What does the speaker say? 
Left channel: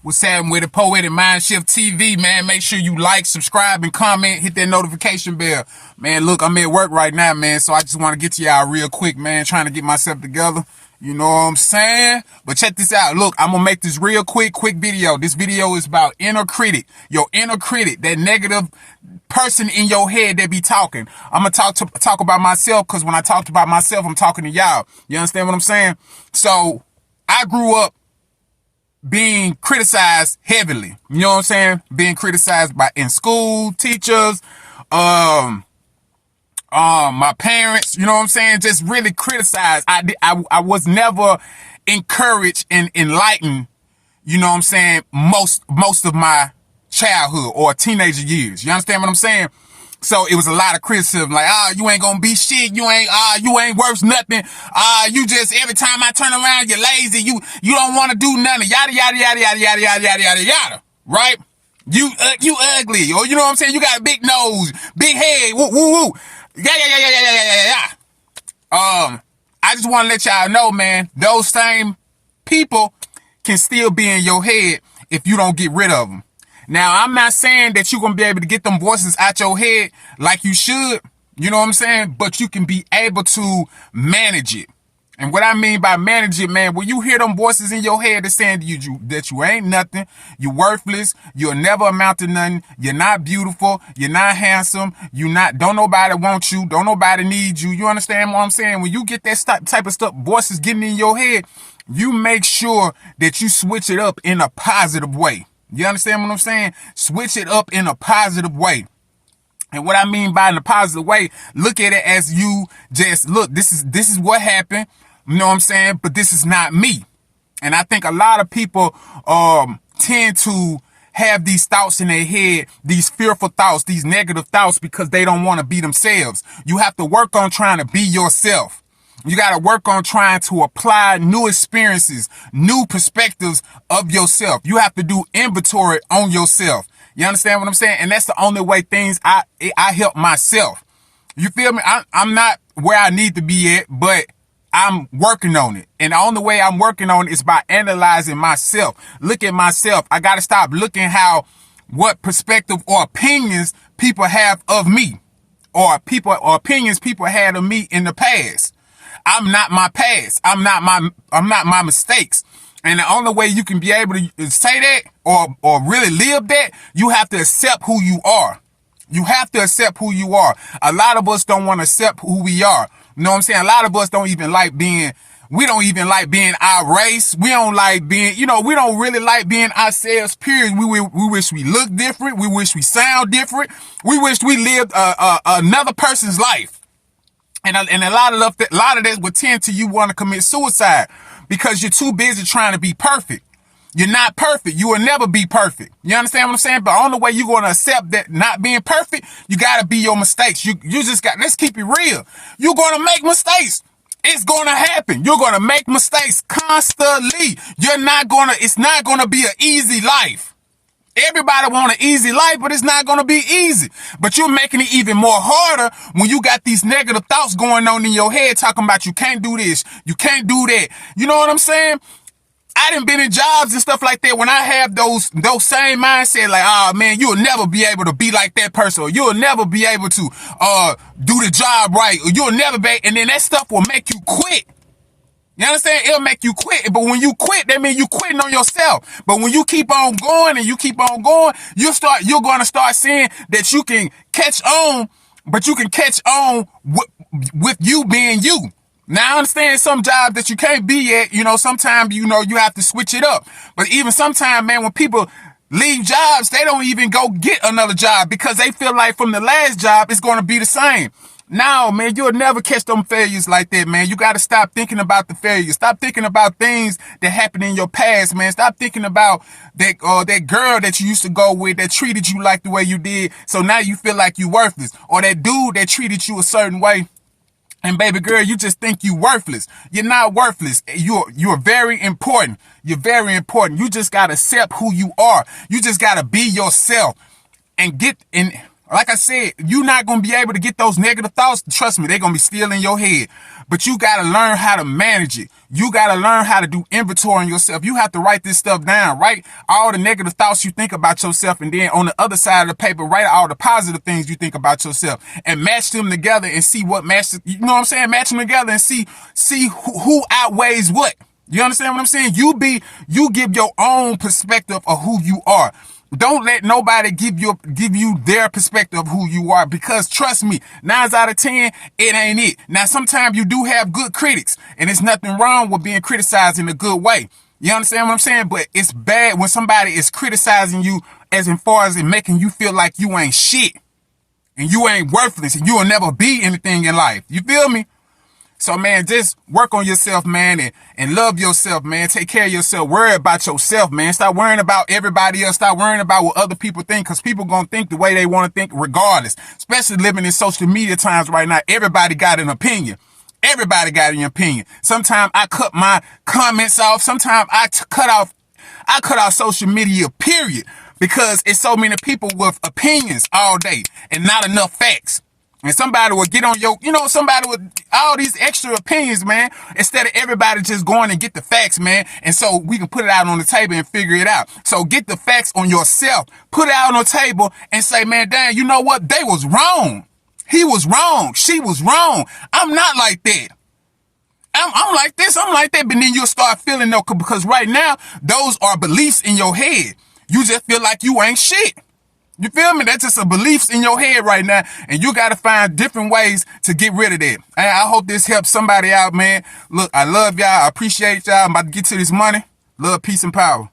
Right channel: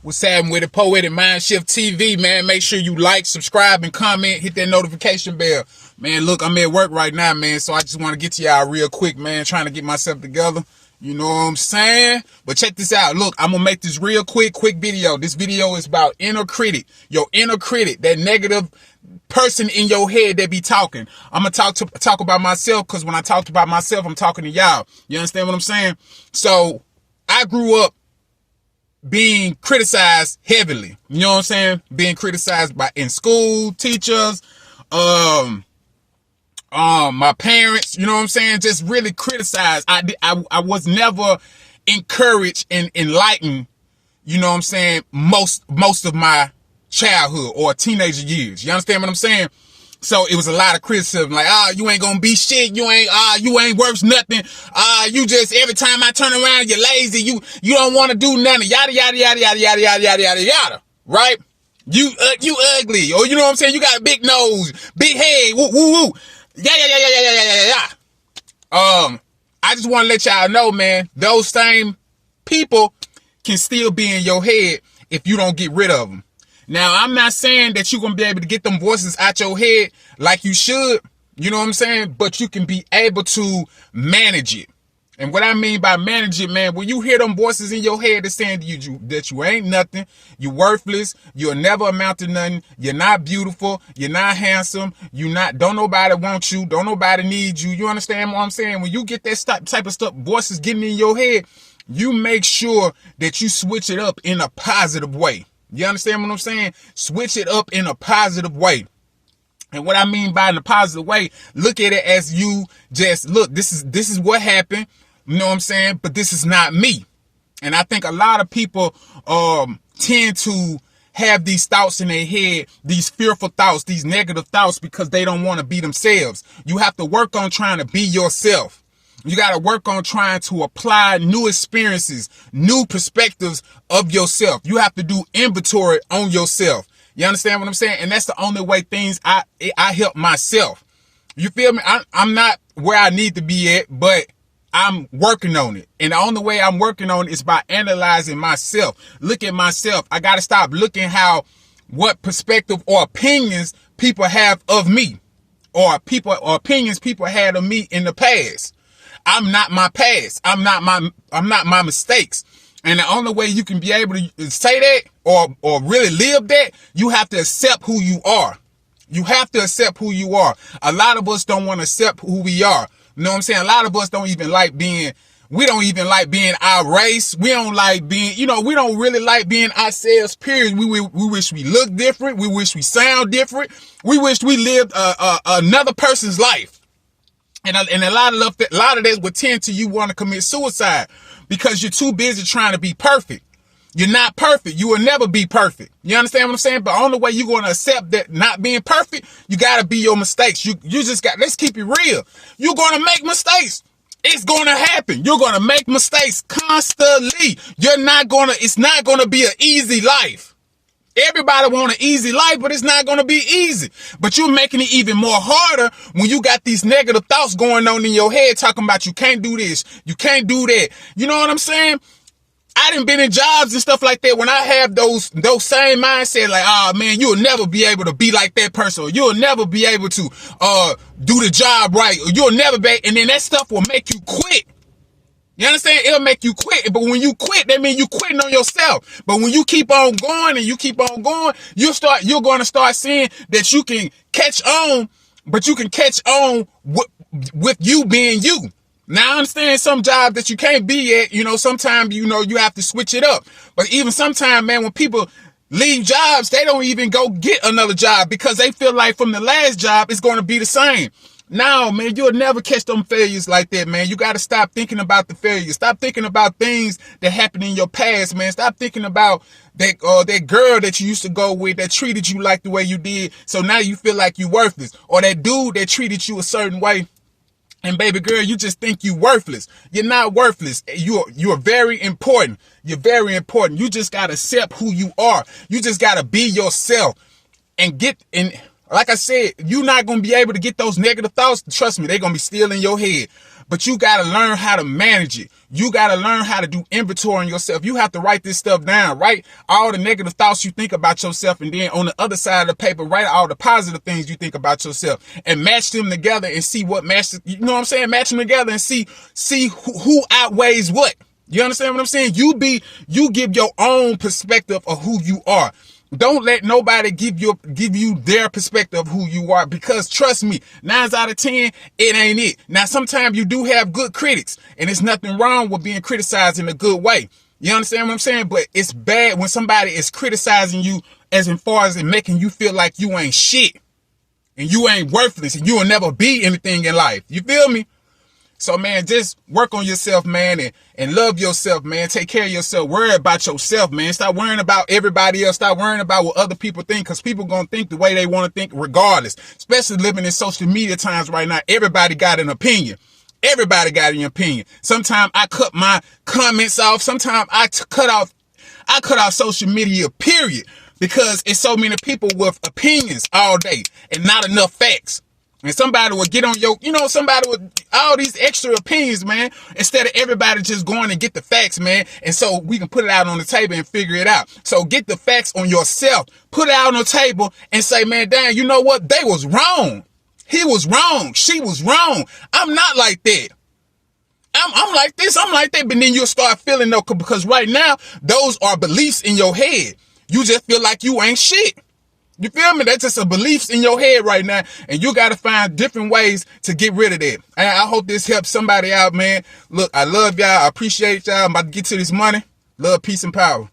What's happening with the Poetic Mindshift TV, man? Make sure you like, subscribe, and comment. Hit that notification bell. Man, look, I'm at work right now, man, so I just want to get to y'all real quick, man, trying to get myself together. You know what I'm saying? But check this out. Look, I'm going to make this real quick video. This video is about inner critic. Your inner critic, that negative person in your head that be talking. I'm going to talk about myself, because when I talk about myself, I'm talking to y'all. You understand what I'm saying? So I grew up being criticized heavily. You know what I'm saying? Being criticized in school, teachers, my parents, you know what I'm saying? Just really criticized. I was never encouraged and enlightened, you know what I'm saying, most of my childhood or teenager years. You understand what I'm saying? So it was a lot of criticism, like, you ain't gonna be shit, you ain't worth nothing, you just, every time I turn around, you're lazy, you don't want to do nothing, yada, yada, yada, yada, yada, yada, yada, yada, yada, right? You ugly, or you know what I'm saying, you got a big nose, big head, woo, woo, woo, yeah, yeah, yeah, yeah, yeah, yeah, yeah, yeah. I just want to let y'all know, man, those same people can still be in your head if you don't get rid of them. Now, I'm not saying that you're going to be able to get them voices out your head like you should, you know what I'm saying? But you can be able to manage it. And what I mean by manage it, man, when you hear them voices in your head that's saying to you that you ain't nothing, you're worthless, you'll never amount to nothing, you're not beautiful, you're not handsome, don't nobody want you, don't nobody need you, you understand what I'm saying? When you get that type of stuff, voices getting in your head, you make sure that you switch it up in a positive way. You understand what I'm saying? Switch it up in a positive way. And what I mean by in a positive way, look at it as you just, look, this is what happened. You know what I'm saying? But this is not me. And I think a lot of people tend to have these thoughts in their head, these fearful thoughts, these negative thoughts, because they don't want to be themselves. You have to work on trying to be yourself. You got to work on trying to apply new experiences, new perspectives of yourself. You have to do inventory on yourself. You understand what I'm saying? And that's the only way I help myself. You feel me? I'm not where I need to be at, but I'm working on it. And the only way I'm working on it is by analyzing myself. Look at myself. I got to stop looking what perspective or opinions people have of me, or opinions people had of me in the past. I'm not my past. I'm not my mistakes. And the only way you can be able to say that or really live that, you have to accept who you are. You have to accept who you are. A lot of us don't want to accept who we are. You know what I'm saying? A lot of us don't even like being our race. We don't like being, we don't really like being ourselves, period. We wish we looked different. We wish we sound different. We wish we lived another person's life. And a lot of that would tend to you want to commit suicide because you're too busy trying to be perfect. You're not perfect. You will never be perfect. You understand what I'm saying? But the only way you're going to accept that not being perfect, you got to be your mistakes. You just let's keep it real. You're going to make mistakes. It's going to happen. You're going to make mistakes constantly. It's not going to be an easy life. Everybody want an easy life, but it's not going to be easy. But you're making it even more harder when you got these negative thoughts going on in your head talking about you can't do this, you can't do that. You know what I'm saying? I done been in jobs and stuff like that when I have those same mindset, like, oh man, you'll never be able to be like that person, or you'll never be able to do the job right, or you'll never be, and then that stuff will make you quit. You understand? It'll make you quit. But when you quit, that means you quitting on yourself. But when you keep on going and you keep on going, you're going to start seeing that you can catch on, but you can catch on with you being you. Now, I understand some jobs that you can't be at, sometimes, you have to switch it up. But even sometimes, man, when people leave jobs, they don't even go get another job because they feel like from the last job, it's going to be the same. No, man, you'll never catch them failures like that, man. You got to stop thinking about the failures. Stop thinking about things that happened in your past, man. Stop thinking about that girl that you used to go with that treated you like the way you did. So now you feel like you worthless, or that dude that treated you a certain way. And baby girl, you just think you worthless. You're not worthless. You're very important. You're very important. You just got to accept who you are. You just got to be yourself and like I said, you're not going to be able to get those negative thoughts. Trust me, they're going to be still in your head. But you got to learn how to manage it. You got to learn how to do inventory on yourself. You have to write this stuff down. Write all the negative thoughts you think about yourself. And then on the other side of the paper, write all the positive things you think about yourself and match them together and see what matches. You know what I'm saying? Match them together and see who outweighs what. You understand what I'm saying? You give your own perspective of who you are. Don't let nobody give you their perspective of who you are, because trust me, 9 out of 10, it ain't it. Now, sometimes you do have good critics, and there's nothing wrong with being criticized in a good way. You understand what I'm saying? But it's bad when somebody is criticizing you as far as it making you feel like you ain't shit and you ain't worthless and you will never be anything in life. You feel me? So, man, just work on yourself, man, and love yourself, man. Take care of yourself. Worry about yourself, man. Stop worrying about everybody else. Stop worrying about what other people think, because people going to think the way they want to think regardless. Especially living in social media times right now. Everybody got an opinion. Everybody got an opinion. Sometimes I cut my comments off. Sometimes I cut off social media, period, because it's so many people with opinions all day and not enough facts. And somebody will get on somebody with all these extra opinions, man, instead of everybody just going and get the facts, man. And so we can put it out on the table and figure it out. So get the facts on yourself, put it out on the table and say, man, damn, you know what? They was wrong. He was wrong. She was wrong. I'm not like that. I'm like this. I'm like that. But then you'll start feeling though, because right now, those are beliefs in your head. You just feel like you ain't shit. You feel me? That's just a beliefs in your head right now. And you got to find different ways to get rid of that. And I hope this helps somebody out, man. Look, I love y'all. I appreciate y'all. I'm about to get to this money. Love, peace, and power.